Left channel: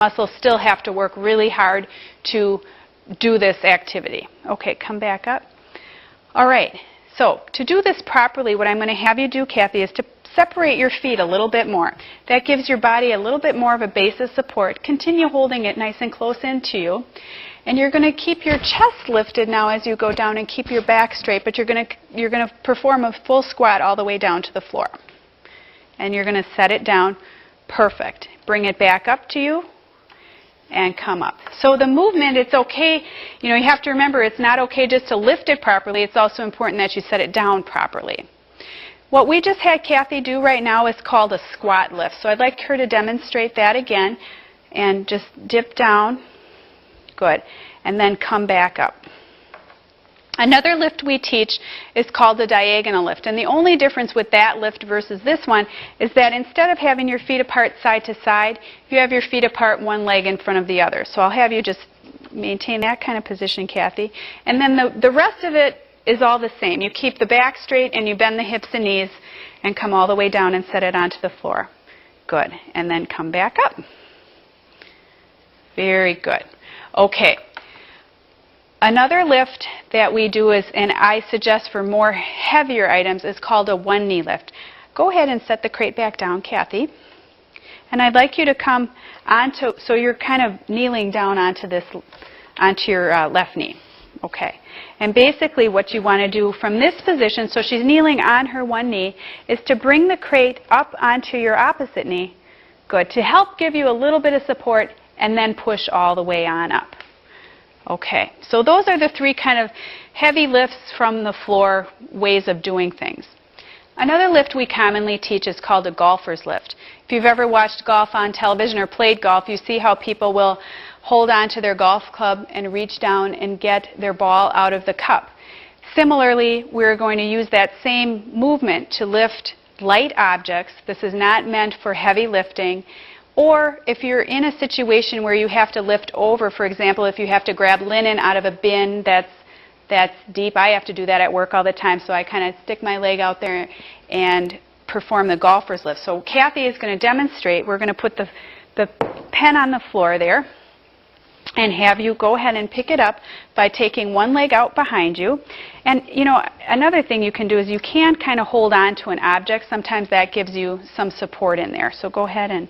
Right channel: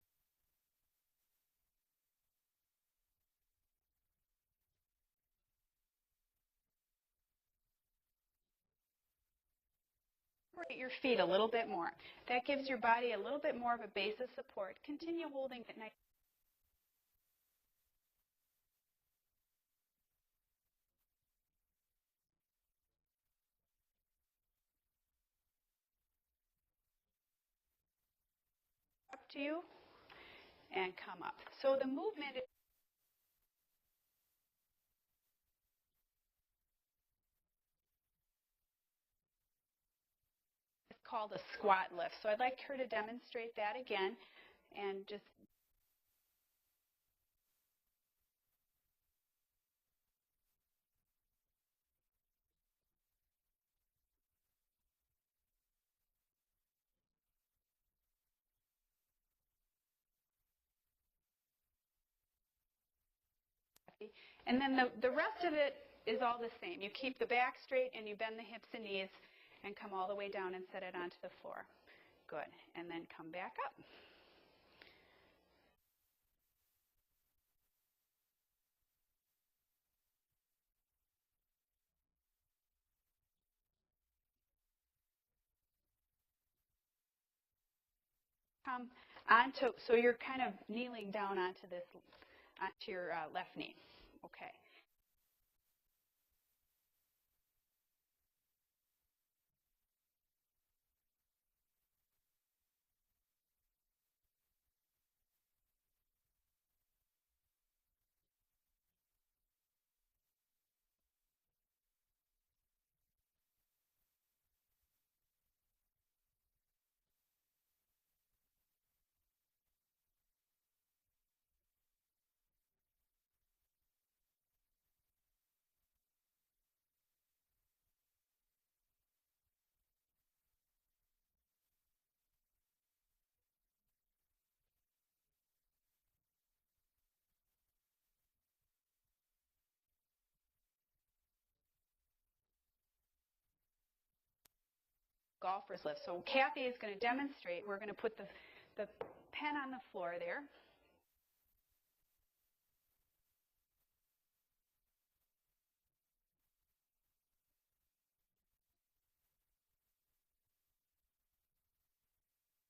muscles still have to work really hard to do this activity. Okay, come back up. All right, so to do this properly, what I'm going to have you do, Kathy, is to separate your feet a little bit more. That gives your body a little bit more of a base of support. Continue holding it nice and close into you. And you're going to keep your chest lifted now as you go down and keep your back straight, but you're going to perform a full squat all the way down to the floor. And you're going to set it down. Perfect. Bring it back up to you and come up. So the movement, it's okay. You have to remember, it's not okay just to lift it properly. It's also important that you set it down properly. What we just had Kathy do right now is called a squat lift. So I'd like her to demonstrate that again. And just dip down. Good. And then come back up. Another lift we teach is called the diagonal lift. And the only difference with that lift versus this one is that instead of having your feet apart side to side, you have your feet apart one leg in front of the other. So I'll have you just maintain that kind of position, Kathy. And then the rest of it is all the same. You keep the back straight and you bend the hips and knees and come all the way down and set it onto the floor. Good. And then come back up. Very good. Okay. Another lift that we do is, and I suggest for more heavier items, is called a one knee lift. Go ahead and set the crate back down, Kathy. And I'd like you to come onto, so you're kind of kneeling down onto your left knee. Okay. And basically what you want to do from this position, so she's kneeling on her one knee, is to bring the crate up onto your opposite knee. Good. To help give you a little bit of support and then push all the way on up. Okay, so those are the three kind of heavy lifts from the floor ways of doing things. Another lift we commonly teach is called a golfer's lift. If you've ever watched golf on television or played golf, you see how people will hold on to their golf club and reach down and get their ball out of the cup. Similarly, we're going to use that same movement to lift light objects. This is not meant for heavy lifting. Or if you're in a situation where you have to lift over, for example, if you have to grab linen out of a bin that's deep. I have to do that at work all the time, so I kind of stick my leg out there and perform the golfer's lift. So Kathy is going to demonstrate. We're going to put the pen on the floor there and have you go ahead and pick it up by taking one leg out behind you. And, another thing you can do is you can kind of hold on to an object. Sometimes that gives you some support in there. So go ahead and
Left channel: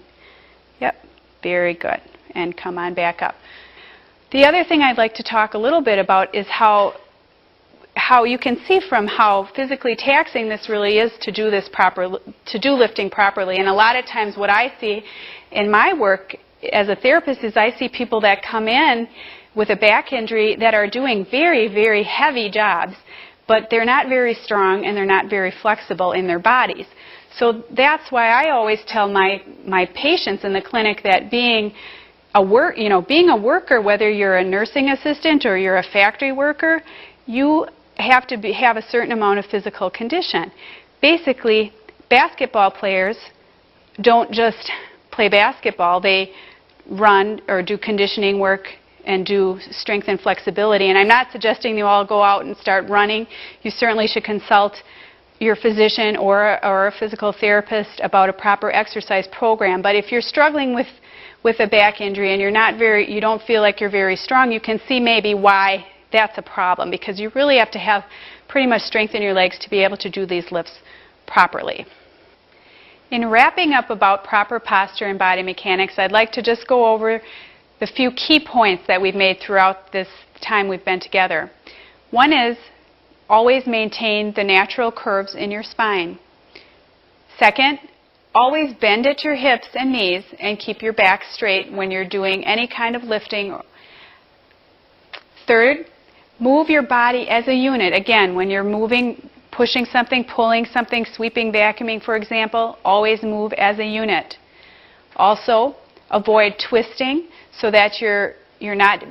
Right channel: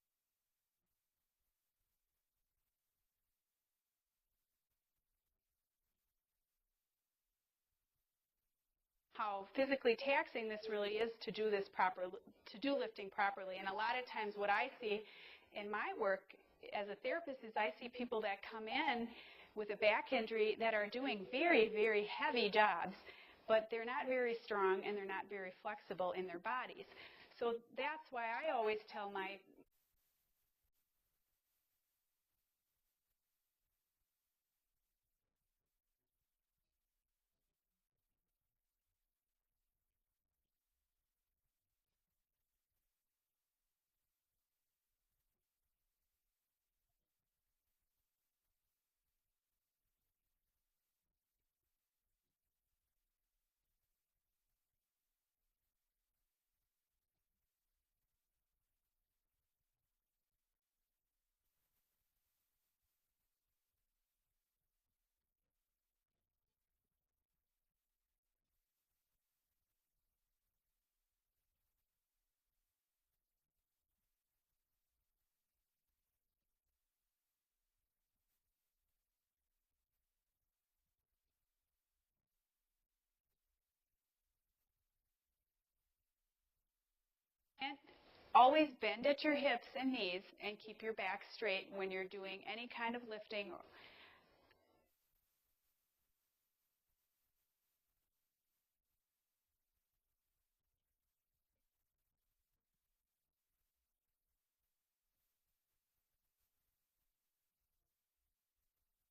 yep, very good. And come on back up. The other thing I'd like to talk a little bit about is how you can see from how physically taxing this really is to do lifting properly. And a lot of times what I see in my work as a therapist is I see people that come in with a back injury that are doing very, very heavy jobs, but they're not very strong and they're not very flexible in their bodies. So that's why I always tell my patients in the clinic that being a worker, whether you're a nursing assistant or you're a factory worker, you have to have a certain amount of physical condition. Basically, basketball players don't just play basketball. They run or do conditioning work and do strength and flexibility. And I'm not suggesting you all go out and start running. You certainly should consult your physician or a physical therapist about a proper exercise program. But if you're struggling with a back injury and you don't feel like you're very strong, you can see maybe why that's a problem, because you really have to have pretty much strength in your legs to be able to do these lifts properly. In wrapping up about proper posture and body mechanics, I'd like to just go over the few key points that we've made throughout this time we've been together. One is always maintain the natural curves in your spine. Second, always bend at your hips and knees and keep your back straight when you're doing any kind of lifting. Third, move your body as a unit. Again, when you're moving, pushing something, pulling something, sweeping, vacuuming, for example, always move as a unit. Also, avoid twisting so that you're not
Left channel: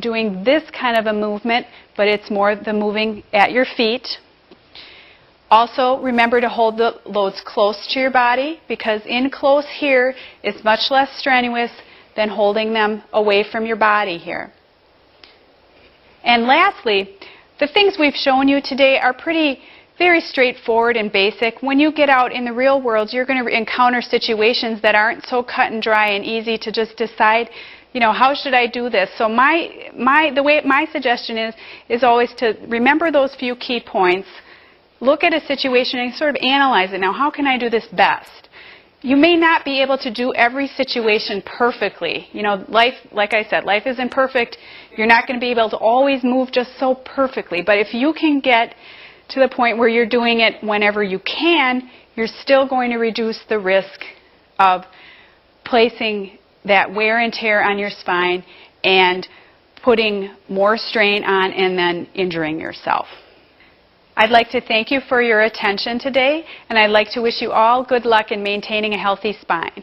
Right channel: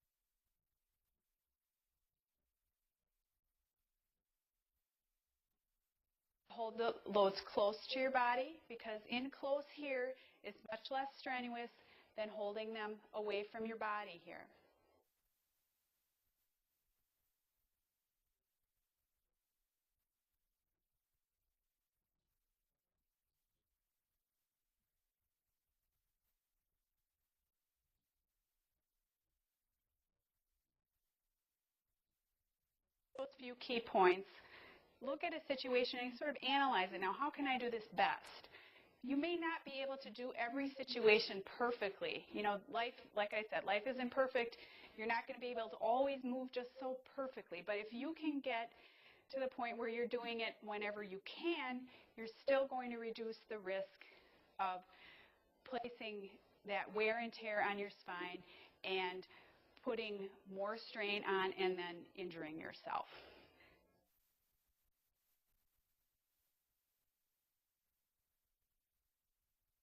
doing this kind of a movement, but it's more the moving at your feet. Also, remember to hold the loads close to your body, because in close here is much less strenuous than holding them away from your body here. And lastly, the things we've shown you today are pretty very straightforward and basic. When you get out in the real world, you're going to encounter situations that aren't so cut and dry and easy to just decide, you know, how should I do this? So my suggestion is always to remember those few key points, look at a situation and sort of analyze it. Now, how can I do this best? You may not be able to do every situation perfectly. You know, life, like I said, life isn't perfect. You're not going to be able to always move just so perfectly. But if you can get to the point where you're doing it whenever you can, you're still going to reduce the risk of placing that wear and tear on your spine and putting more strain on and then injuring yourself. I'd like to thank you for your attention today, and I'd like to wish you all good luck in maintaining a healthy spine.